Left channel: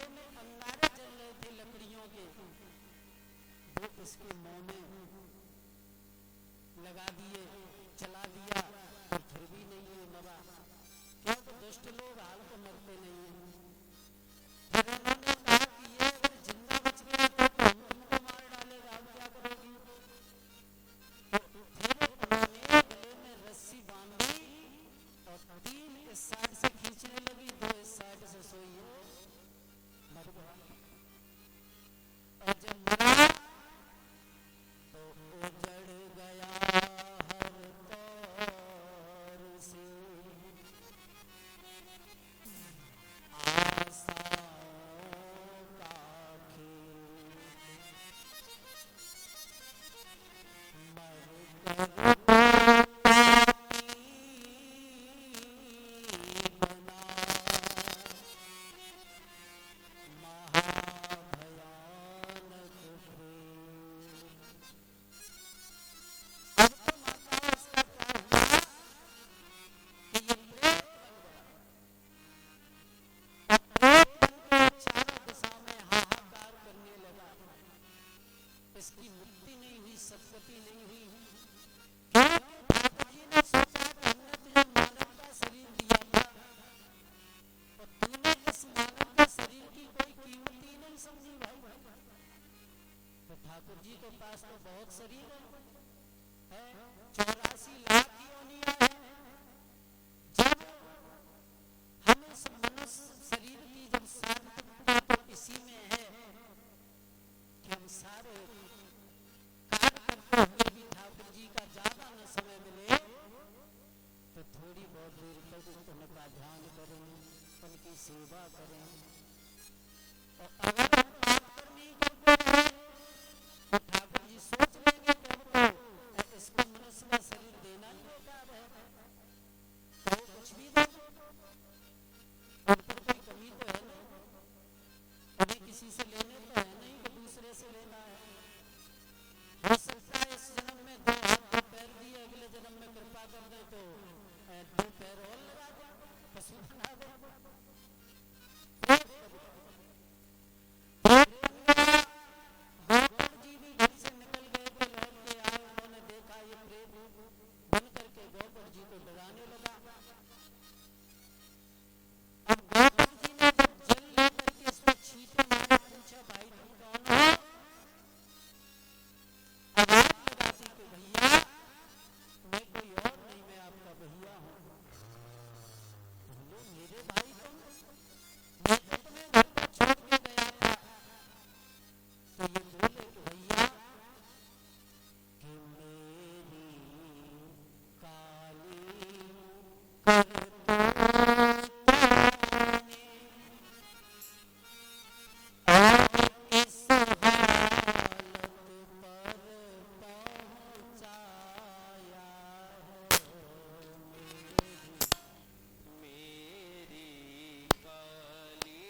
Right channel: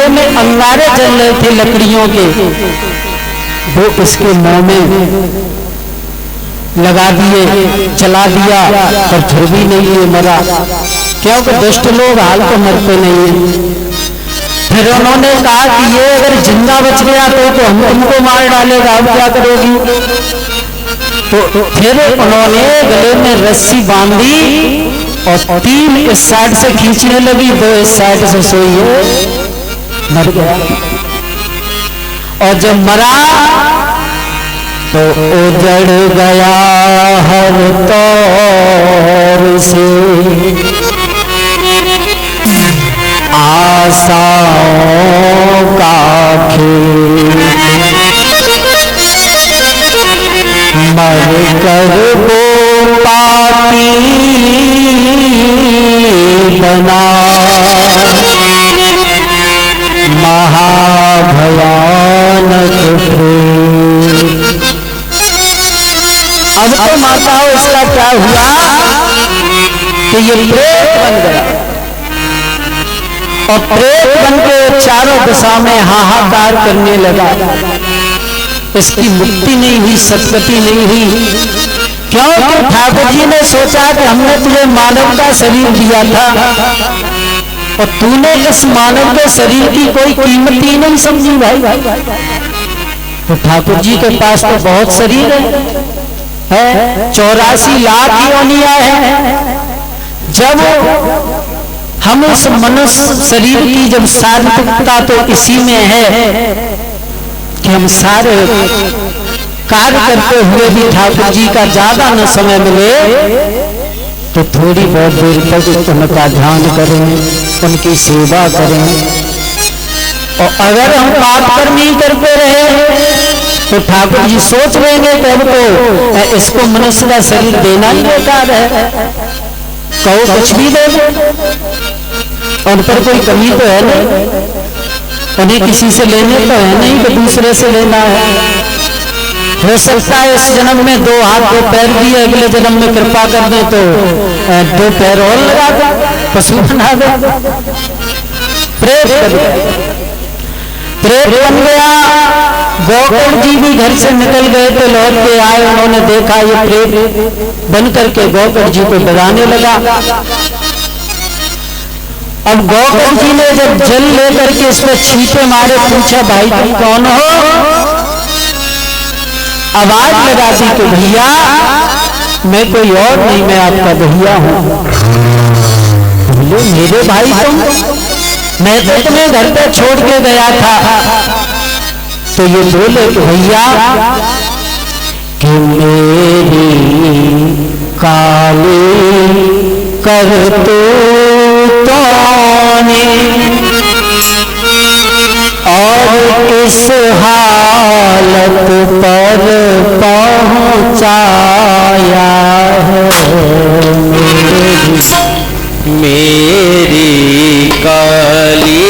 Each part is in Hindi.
चूल्हे में अंगारे जल रहे थे लकड़ियों के, वो इसके मुंह में लगा दिए, जला दिया, पर फिर भी नहीं ये मरा। क्योंकि दुष्ट लोग हाल तो मरते नहीं है। फिर उन्होंने कहा कि ये अगर जिंदा बच गया तो हम तुमको मार डालेगा, अब क्या करोगी? तो फिर उन्होंने गले में रस्सी बांधी और 3 इस साइड से खींचने लगी, 2 इस साइड से सोई है, मर गया। और जब मरा तो उजड़ गया हर तौर से आशाओं का खेल, मर कर वो पापी बना महाभयानक प्रेत। अब तो माताओं इसका क्या हुआ कि ये प्रेत बन गया और प्रेत बन के चारों दिशा में हाहाकार करने लगा। इसकी मुक्ति नहीं हुई, सद्गति नहीं हुई। क्योंकि ठाकुर जी ने सोचा कि हमने तुझे मानव का शरीर दिया था और तूने इस मानव के शरीर की कोई कीमत ही नहीं समझी भाई। तो ठाकुर जी के पास तो बहुत शरीर है 84 लाख योनियां हैं। जब हम इस मनुष्य शरीर की जब सार्थकता तो इसी में है कि हम सारे कार्य करते हुए भी ठाकुर जी का ज्यादा न समय मिले तो थोड़ी बहुत देर तक उनका ध्यान करें, उनकी सेवा करें। और अगर हम पाप कर्म ही करते रहे तो ठाकुर जी सोच लेंगे तब तो इसको मनुष्य का शरीर देना ही बेकार है, कहो कुछ भी दे दो, उन पर कोई कमी तो है नहीं, उन्हें किसी से लेने तो है नहीं कि दूसरे से लेना है। हो सकता है इस जन्म में 2 हाथ 2 पैर दिए, अगले जन्म में कृपा कर दे तो 2 पैर और लगा दे, पशु बना दे। प्रेत बन गया। गोकुल जी भी घर से निकल गए तो लौट के आए, उन्होंने देखा ये प्रेत बन करके गोकुल जी को डराने लगा। अब गोकुल जी ने जब जल लेकर के इस पर छींटे मारे, पूछा भाई तुम कौन हो? आवाज लगा दी कि भैया मैं कोई और नहीं, मैं आपका भैया हूं। बोले मेरे भाई तुम? मैं तो तुम्हें घर पे छोड़ के गया था। तो ये बोले कि भैया कि मेरी काली करतूतों ने और इस हालत पर पहुंचाया है। मेरी काली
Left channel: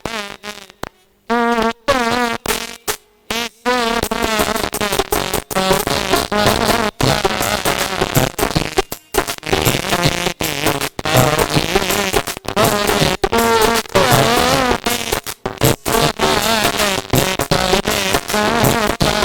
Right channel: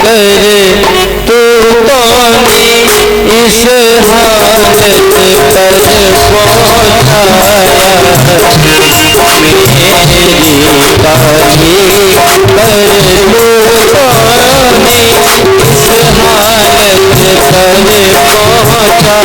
करतूतों ने इस हालत पर पहुंचाया। मेरी काली करतूतों ने इस हालत पर पहुंचाया।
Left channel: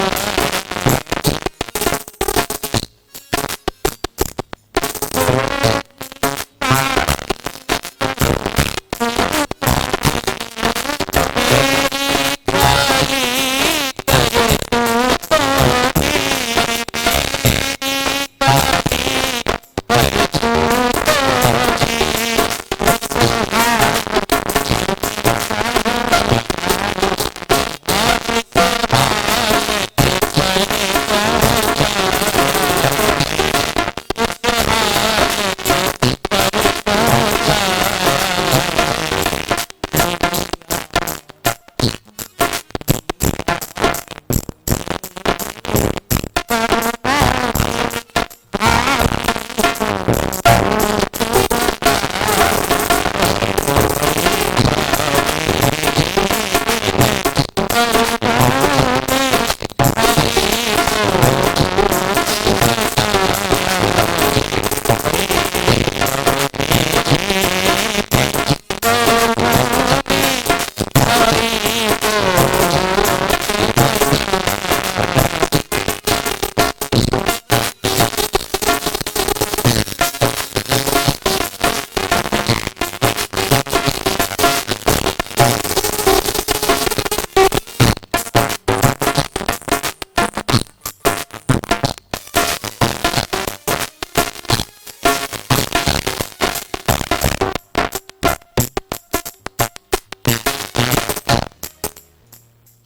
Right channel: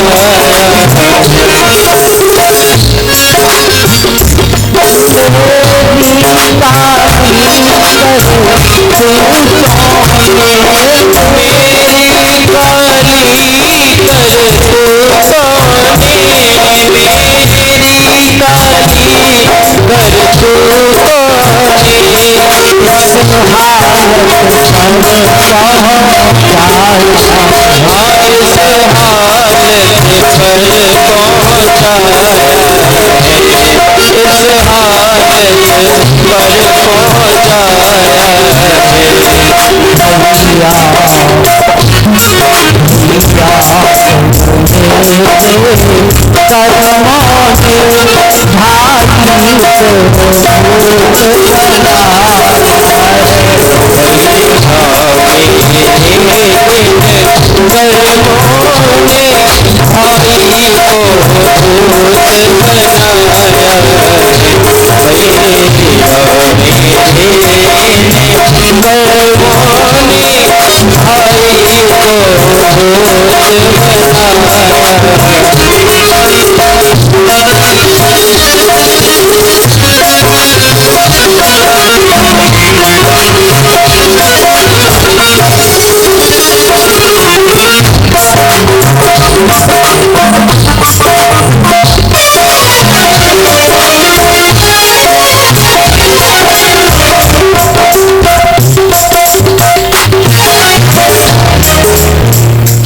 भाई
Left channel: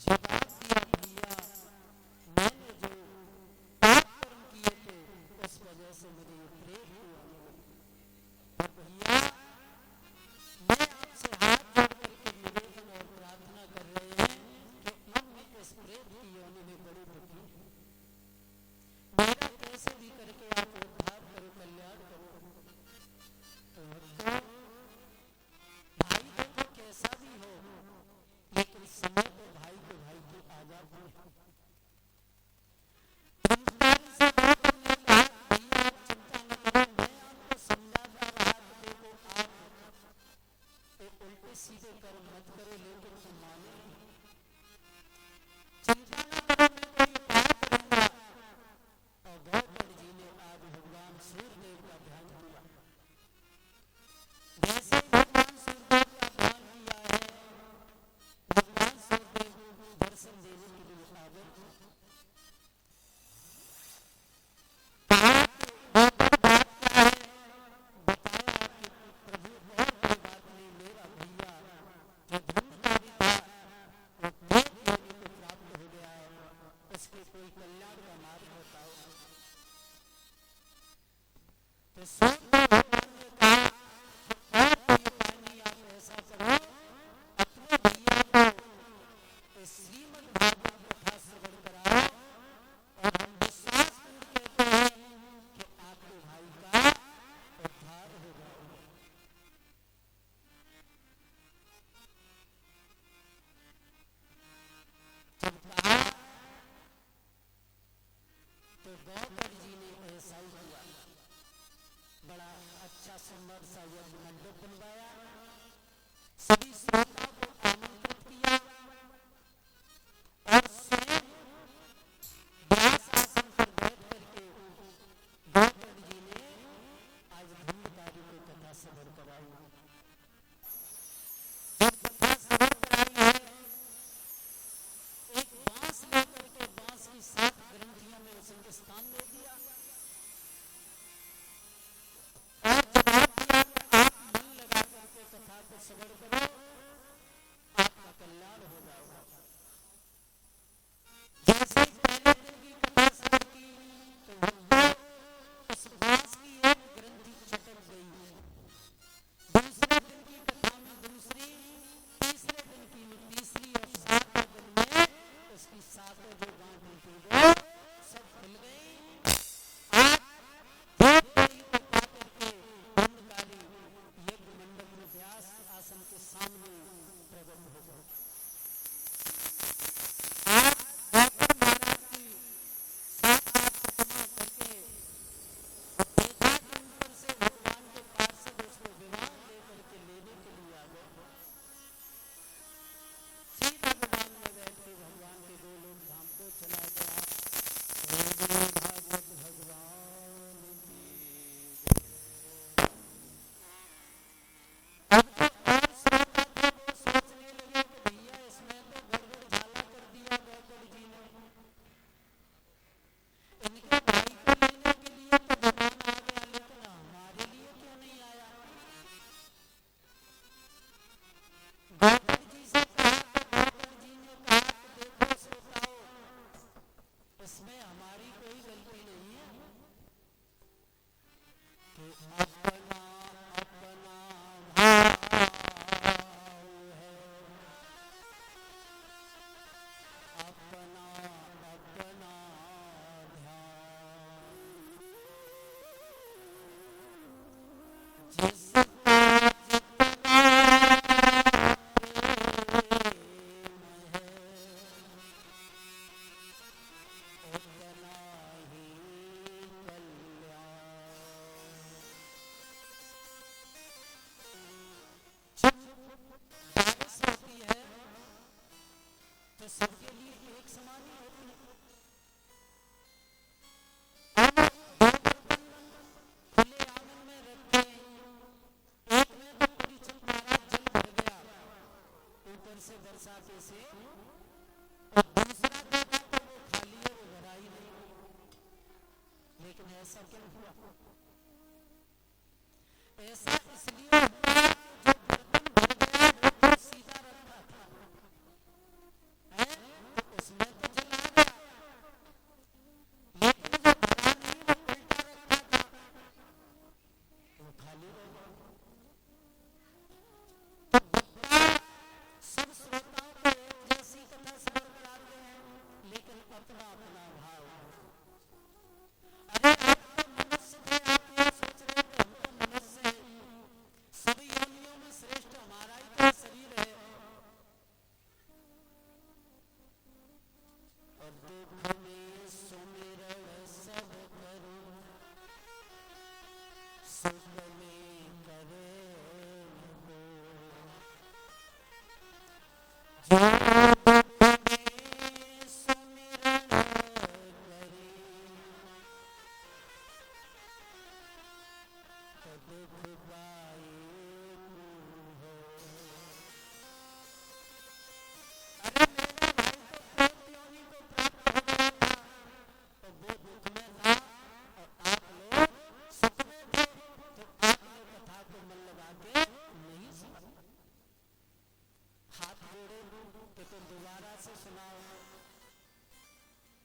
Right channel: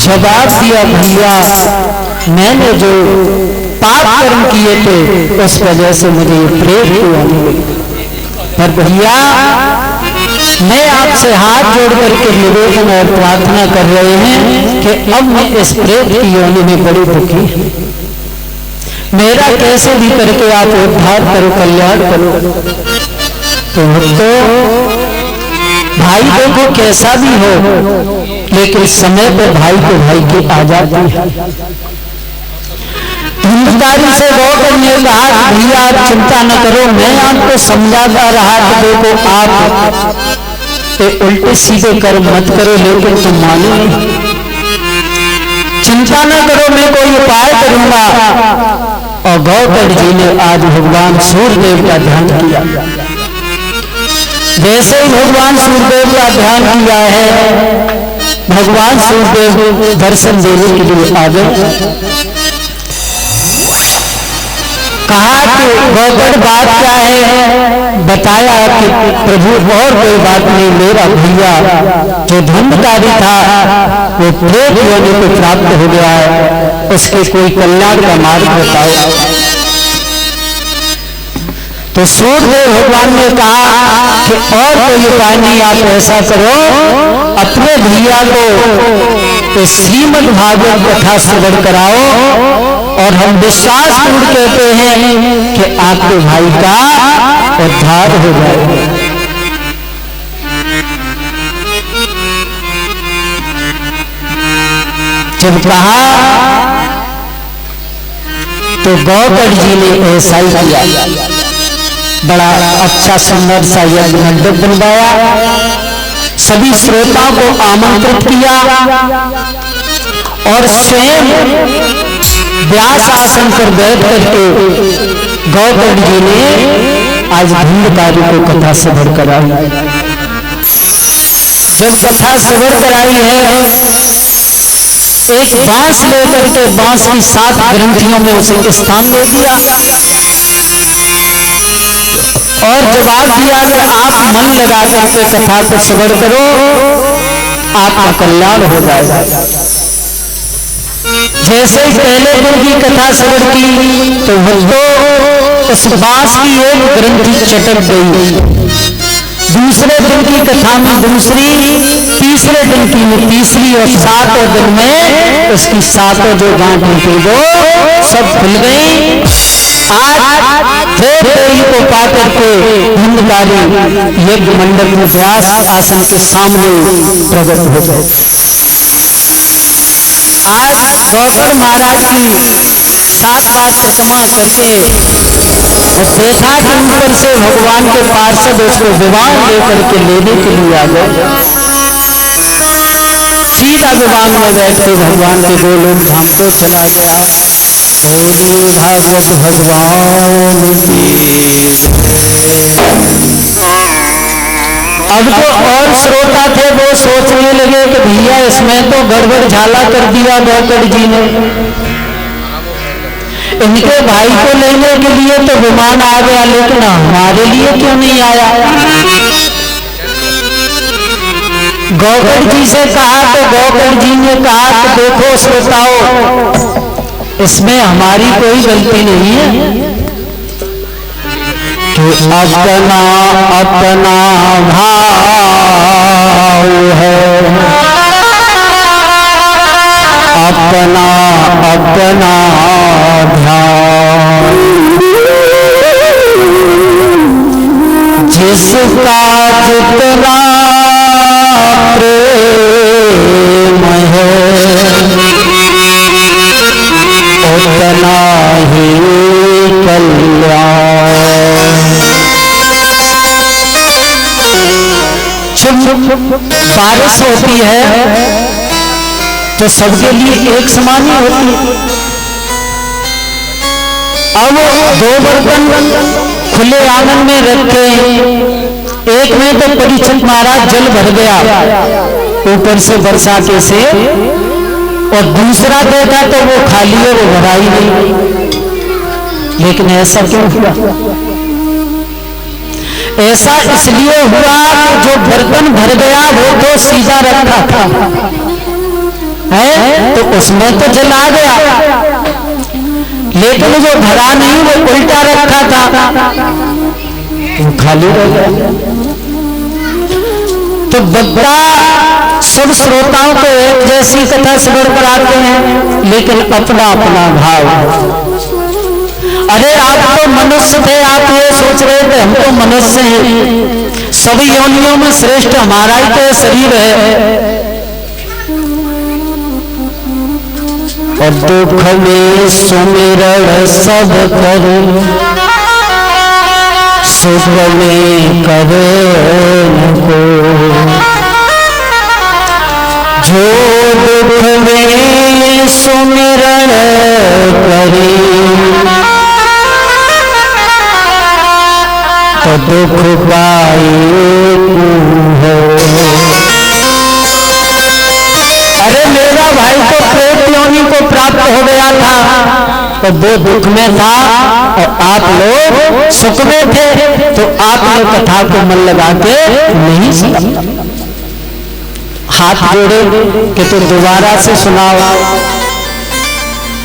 जवाब दिया, भैया मैंने जो पाप कर्म किए थे उस वजह से मुझे ये प्रेत की योनि मिली। पर भैया मैं आपसे हाथ जोड़ करके निवेदन और प्रार्थना कर रहे हैं कि अब मैं इस प्रेत की योनि में बड़ी दुखी हूं, मेरा कैसे भी करके आप उद्धार करो, कल्याण करो। तो भाई देखो कैसा भी हो, लेकिन समय पर भाई को भाई की आ जाती है। धुंधकारी से गौकर ने कहा, भैया आप चिंता न करो, मैं आपको समझाता रहा कि देखो आप उल्टे सीधे कर्म मत करो, लेकिन तुम मानो नहीं। चिंता न करो, मैं कोई उपाय करूंगा। और गौकर जी ने आज भगवान सूर्यदेव का ध्यान किया। जैसे ही भगवान सूर्यदेव का ध्यान किया है, भगवान सूर्यदेव दर्शन देने के लिए आ गए। कहा कि गौकर बात क्या है? बताया कि प्रभु और कोई बात नहीं, मेरा भैया जो धुंधकारी था वो प्रेत योनि को प्राप्त हो गया है, उसके कोई कल्याण का मार्ग बताओ। तो सूर्यदेव भगवान ने कहा कि और कोई उपाय नहीं, आप ऐसा करो, अपने भैया को श्रीमद् भागवत कथा श्रवण कराओ, और हम विश्वास पूर्ण कहते हैं कि आपके भाई का उद्धार हो जाएगा। जब कहा तो गौकर जी ने ऐसा ही किया। बड़ा अच्छा सुंदर सा यज्ञ मंडप बनवाया, सभी श्रोताओं को आमंत्रित किया और स्वयं व्यास आसन पर बैठ करके गौतम जी ने आज धुंधकारी को कथा श्रवण कराई। जब कथा श्रवण कराई है, एक बांस लेकर के बांस की 7 ग्रंथियों में उसे स्थान दे दिया और जवाब दिया कि आप मन लगा करके कथा को श्रवण करो, आपका कल्याण हो जाएगा। जैसे पहले दिन की कथा श्रवण की तो उस बांस की एक ग्रंथि चटक गई, दूसरे दिन की कथा में दूसरी, तीसरे दिन की में तीसरी, और 7वें दिन में उसकी 7 जो गांठें थी वो सब खुल गई। आज देवी को पाकर के धुंधकारी यज्ञ मंडप में व्यास आसन के सामने प्रकट हो गए। आज गौकर महाराज की 7 बार परिक्रमा करके और देखा कि ऊपर से भगवान के पार्षद उसको विवाह लेकर के लेने के लिए आ गए। सीधा विवाह में बैठ के भगवान के गोलोक धाम को चला गया। बोलिए भागवत भगवान की। अब तो और श्रोता थे वो सोचने लगे कि भैया इसमें तो गड़बड़ झाला कर दिया गौकर जी ने, इनके भाई को लेने के लिए तो विमान आ गया, लेकिन हमारे लिए क्यों नहीं आया। गौकर जी से कहा तो गौकर जी ने कहा कि देखो श्रोताओ, इसमें हमारी कोई गलती नहीं है कि अपना अपना भाव है, अपना अपना ध्यान, जिसका जितना प्रेम है उतना ही कल्याण। बारिश होती है तो सबके लिए एक समान ही होती है। अब 2 बर्तन खुले आंगन में रखे, एक में तो परीक्षित महाराज जल भर गया ऊपर से बरसाते से, और दूसरा देखा तो वो खाली है, वो भरा ही नहीं। लेकिन ऐसा क्यों हुआ? ऐसा इसलिए हुआ कि जो बर्तन भर गया वो तो सीधा रखा था, है, तो उसमें तो जल आ गया, लेकिन जो भरा नहीं वो उल्टा रखा था, वो खाली रह गया। तो बद्दा सब श्रोताओं को एक जैसी कथा श्रवण कराते हैं, लेकिन अपना अपना भाव। अरे आप तो मनुष्य थे, आप ये सोच रहे थे हम तो मनुष्य हैं, सभी योनियों में श्रेष्ठ हमारा ही तो शरीर है। और दुख में सुमिरण सब करो, सुख में करे को, जो दुख में सुमिरण करे तो दुख पाए हो। अरे मेरा भाई तो प्रेत योनि को प्राप्त हो गया था, तो वो दुख में था और आप लोग सुख में थे, तो आपने कथा को मन लगा के नहीं सुना। हाथ जोड़े कि तो दोबारा से सुनाओ।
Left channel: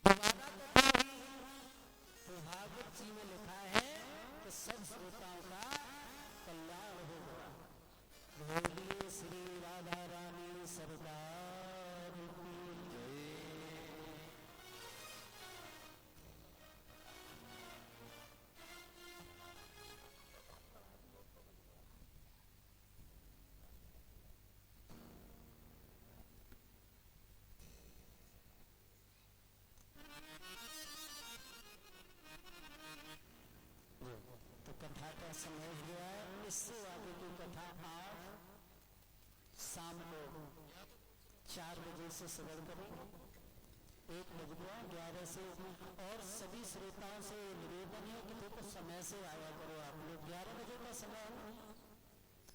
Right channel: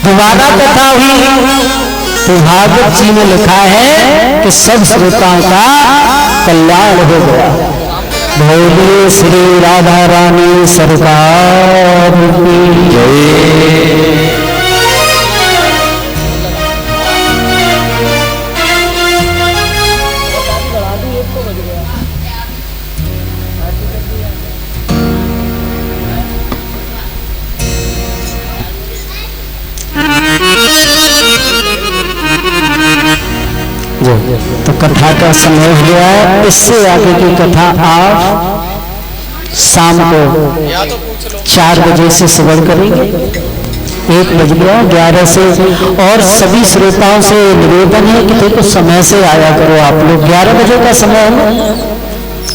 दोबारा कथा हुई तो भागवत जी में लिखा है कि सब श्रोताओं का कल्याण हो गया। बोलिए श्री राधा रानी सरकार की जय। तो कथा का समय हो गया है, इससे आगे की कथा आप शाम को 4 बजे से श्रवण करेंगे। 1 बज गया, 11 से। और सभी श्रोताओं से निवेदन है कि देखो समय से आया करो। आप लोग 11 बजे का समय है,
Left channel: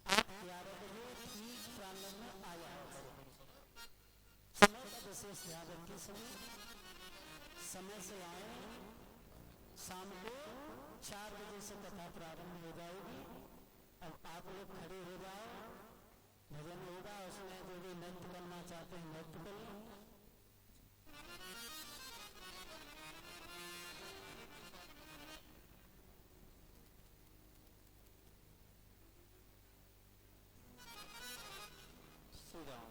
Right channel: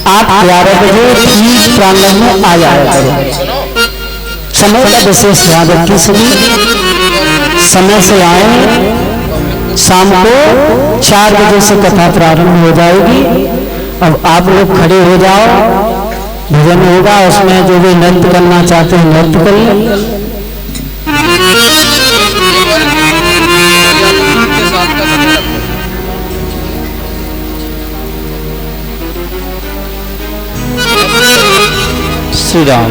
आप 11 बजे ठीक प्रांगण में आ जाया करो। समय का विशेष ध्यान रखिए, सभी समय से आए। शाम को 4 बजे से कथा प्रारंभ हो जाएगी। अब आप लोग खड़े हो जाओ, भजन होगा, उसमें जो भी नृत्य करना चाहते हैं नृत्य कर लें। श्री राम।